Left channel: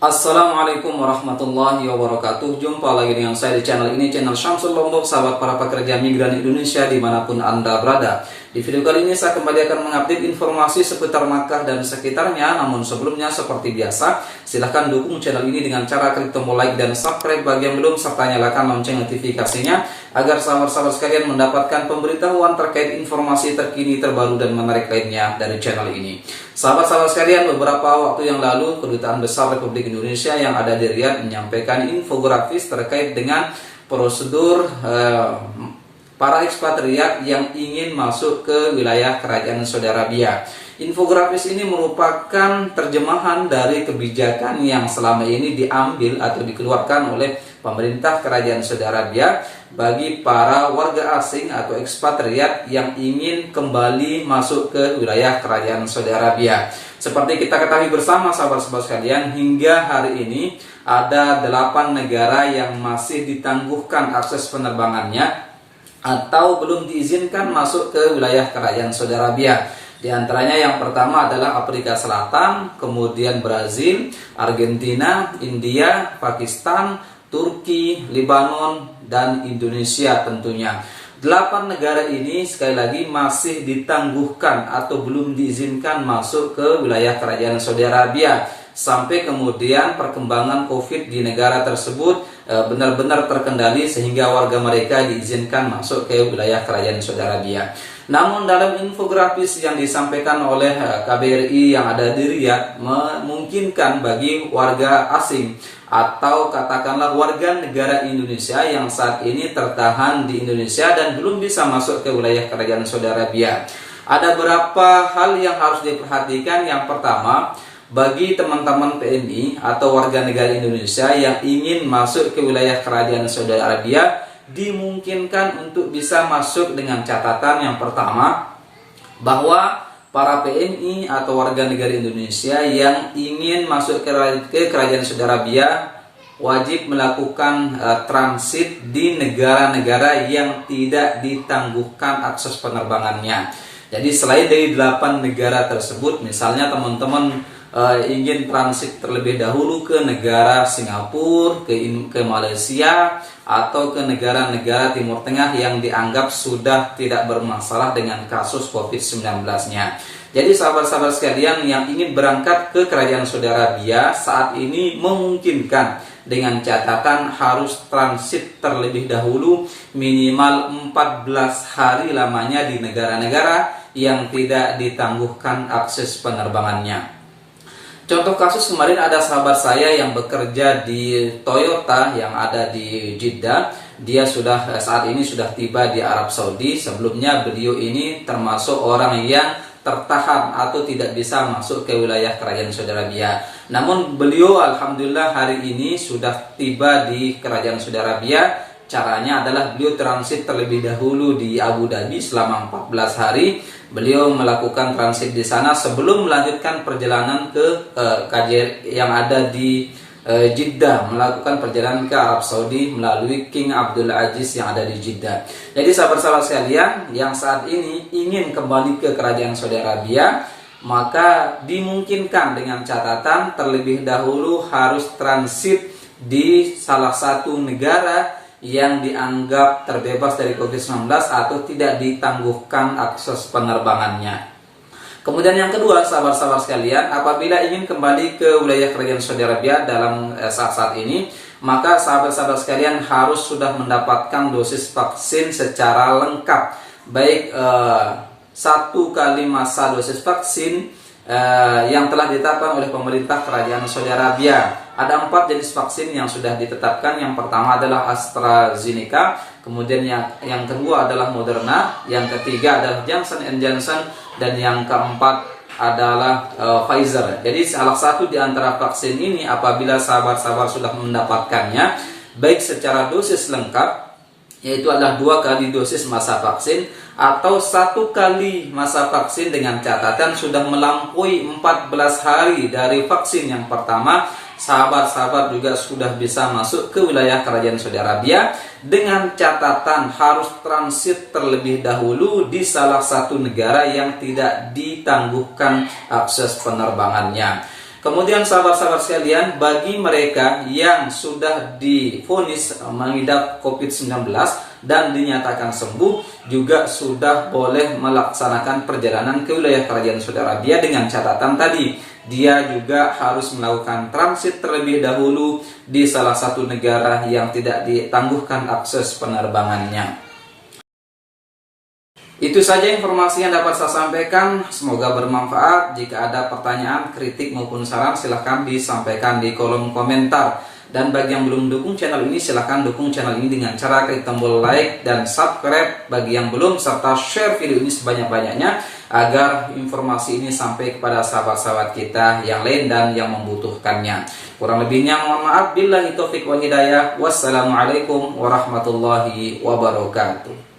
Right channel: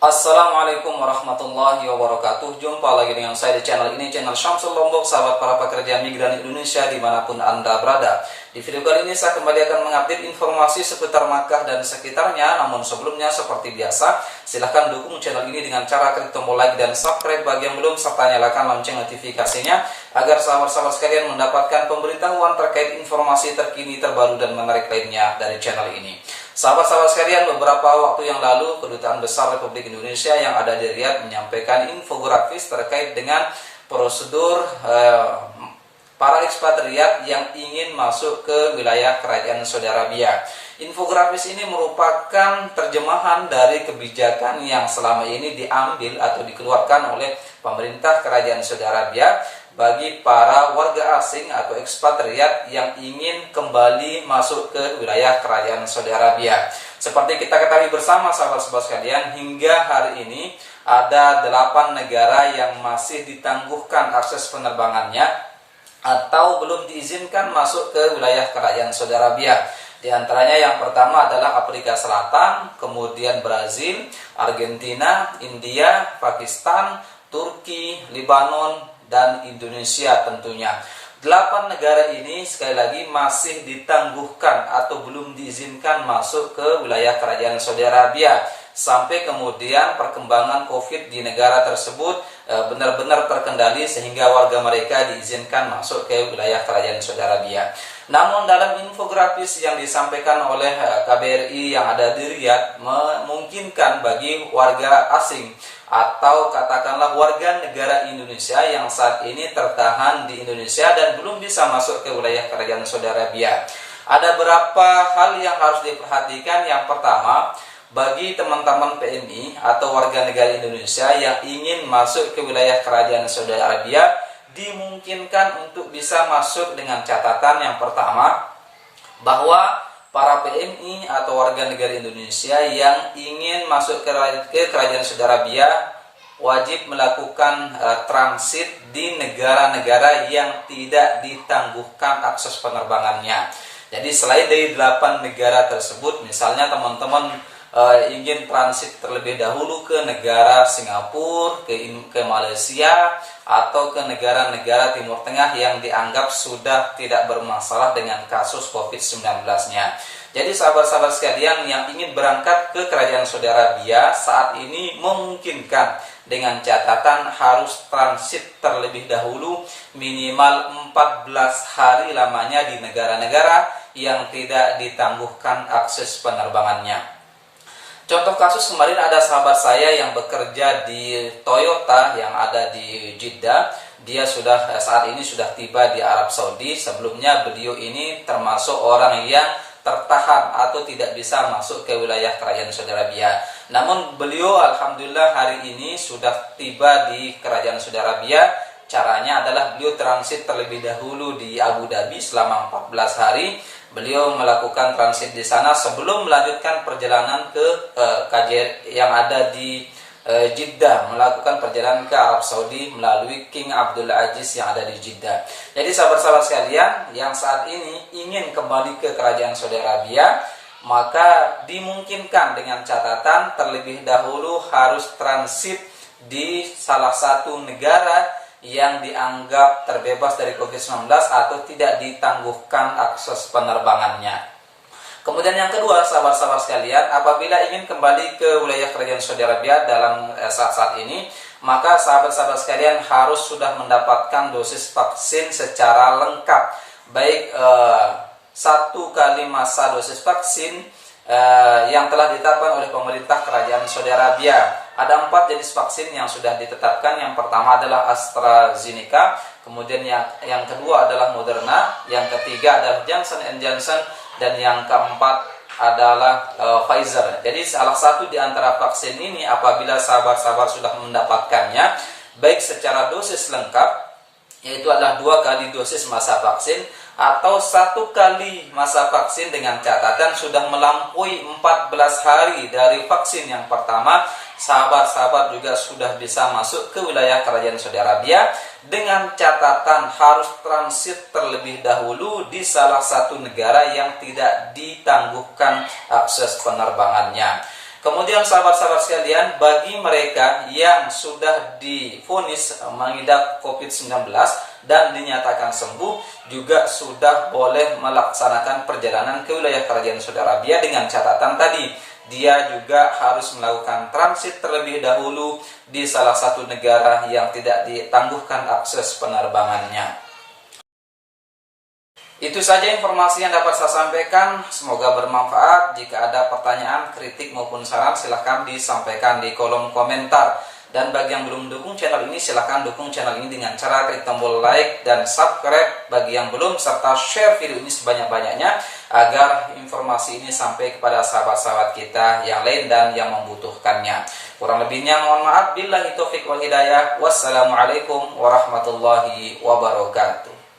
Assalamualaikum warahmatullahi wabarakatuh. Jumpa lagi dengan saya di channel ini, channel Syamsul Lombok, sahabat para pekerja migran Indonesia dimanapun Anda berada. Di video kali ini saya kembali akan mengupdate informasi seputar Makkah dan sekitarnya. Namun sebelumnya seperti biasa, silahkan dukung channel ini dengan cara klik tombol like dan subscribe bagi yang belum, serta nyalakan lonceng notifikasinya agar sahabat-sahabat sekalian mendapatkan pemberitahuan terkait informasi terkini, terbaru dan menarik lainnya dari channel ini. Sahabat-sahabat sekalian, beberapa waktu yang lalu Kedutaan Besar Republik Indonesia yang ada di Riyadh menyampaikan infografis terkait dengan prosedur para ekspatriat yang ingin masuk ke wilayah Kerajaan Saudi Arabia. Infografis ini merupakan terjemahan dari kebijakan yang selama ini diambil atau dikeluarkan oleh pemerintah Kerajaan Saudi Arabia bagi para warga asing atau ekspatriat yang ingin kembali masuk ke wilayah Kerajaan Saudi Arabia. Seperti kita ketahui bersama sahabat-sahabat sekalian, hingga hari ini ada 8 negara yang masih ditangguhkan akses penerbangannya atau belum diizinkan masuk ke wilayah Kerajaan Saudi Arabia. Di antaranya yang pertama adalah Afrika Selatan, kemudian Brazil, Argentina, India, Pakistan, Turki, Lebanon, dan Indonesia tentunya. 8 negara ini sekali lagi masih ditangguhkan atau belum diizinkan masuk ke wilayah Kerajaan Saudi Arabia sampai kemudian perkembangan COVID di negara tersebut benar-benar terkendali sehingga warga mereka diizinkan masuk ke wilayah Kerajaan Saudi Arabia. Namun dalam infografis yang disampaikan oleh KBRI yang ada di Riyadh memungkinkan bagi warga asing atau katakanlah warga negara Indonesia yang saat ini tertahan di Indonesia dan belum bisa masuk ke wilayah Kerajaan Saudi Arabia. Ada beberapa hal yang harus diperhatikan. Yang pertama, bagi teman-teman PMI atau warga negara Indonesia yang ingin masuk ke wilayah Kerajaan Saudi Arabia, dimungkinkan untuk bisa masuk dengan catatan yang pertama, bahwa para PMI atau warga negara Indonesia yang ingin masuk ke Kerajaan Saudi Arabia wajib melakukan transit di negara-negara yang tidak ditangguhkan akses penerbangannya. Jadi selain dari 8 negara tersebut, misalnya teman-teman ingin transit terlebih dahulu ke negara Singapura, ke Malaysia, atau ke negara-negara Timur Tengah yang dianggap sudah tidak bermasalah dengan kasus COVID-19-nya. Jadi sahabat-sahabat sekalian yang ingin berangkat ke Kerajaan Saudi Arabia saat ini memungkinkan dengan catatan harus transit terlebih dahulu minimal 14 hari lamanya di negara-negara yang tidak ditangguhkan akses penerbangannya. Contoh kasus kemarin ada sahabat saya yang bekerja di Toyota yang ada di Jeddah. Dia saat ini sudah tiba di Arab Saudi. Sebelumnya beliau ini termasuk orang yang tertahan atau tidak bisa masuk ke wilayah Kerajaan Saudi Arabia. Namun beliau alhamdulillah hari ini sudah tiba di Kerajaan Saudi Arabia. Caranya adalah beliau transit terlebih dahulu di Abu Dhabi selama 14 hari. Beliau melakukan transit di sana sebelum melanjutkan perjalanan ke KJR yang ada di Jeddah, melakukan perjalanan ke Arab Saudi melalui King Abdul Aziz yang ada di Jeddah. Jadi sahabat-sahabat sekalian yang saat ini ingin kembali ke Kerajaan Saudi Arabia, maka dimungkinkan dengan catatan terlebih dahulu harus transit di salah satu negara yang dianggap terbebas dari COVID-19 atau tidak ditangguhkan akses penerbangannya. Kemudian yang kedua, sahabat-sahabat sekalian, apabila ingin kembali ke wilayah Kerajaan Saudi Arabia dalam saat-saat ini, maka sahabat-sahabat sekalian harus sudah mendapatkan dosis vaksin secara lengkap, baik 1 kali masa dosis vaksin yang telah ditetapkan oleh pemerintah Kerajaan Saudi Arabia. Ada 4 jenis vaksin yang sudah ditetapkan. Yang pertama adalah AstraZeneca, kemudian yang kedua adalah Moderna, yang ketiga adalah Johnson & Johnson, dan yang keempat adalah Pfizer. Jadi salah satu di antara vaksin ini apabila sahabat-sahabat sudah mendapatkannya, baik secara dosis lengkap, yaitu adalah 2 kali dosis masa vaksin, atau 1 kali masa vaksin dengan catatan sudah melampaui 14 hari dari vaksin yang pertama, sahabat-sahabat juga sudah bisa masuk ke wilayah Kerajaan Saudi Arabia dengan catatan harus transit terlebih dahulu di salah satu negara yang tidak ditangguhkan akses penerbangannya. Kemudian sahabat-sahabat sekalian, bagi mereka yang sudah divonis mengidap COVID-19 dan dinyatakan sembuh, juga sudah boleh melaksanakan perjalanan ke wilayah Kerajaan Saudi Arabia dengan catatan tadi, dia juga harus melakukan transit terlebih dahulu di salah satu negara yang tidak ditangguhkan akses penerbangannya. Itu saja informasi yang dapat saya sampaikan, semoga bermanfaat. Jika ada pertanyaan, kritik maupun saran, silahkan disampaikan di kolom komentar. Dan bagi yang belum mendukung channel ini, silahkan dukung channel ini dengan cara klik tombol like dan subscribe bagi yang belum, serta share video ini sebanyak-banyaknya agar informasi ini sampai kepada sahabat-sahabat kita yang lain dan yang membutuhkannya. Kurang lebihnya mohon maaf. Billahi taufiq wal hidayah. Wassalamualaikum warahmatullahi wabarakatuh.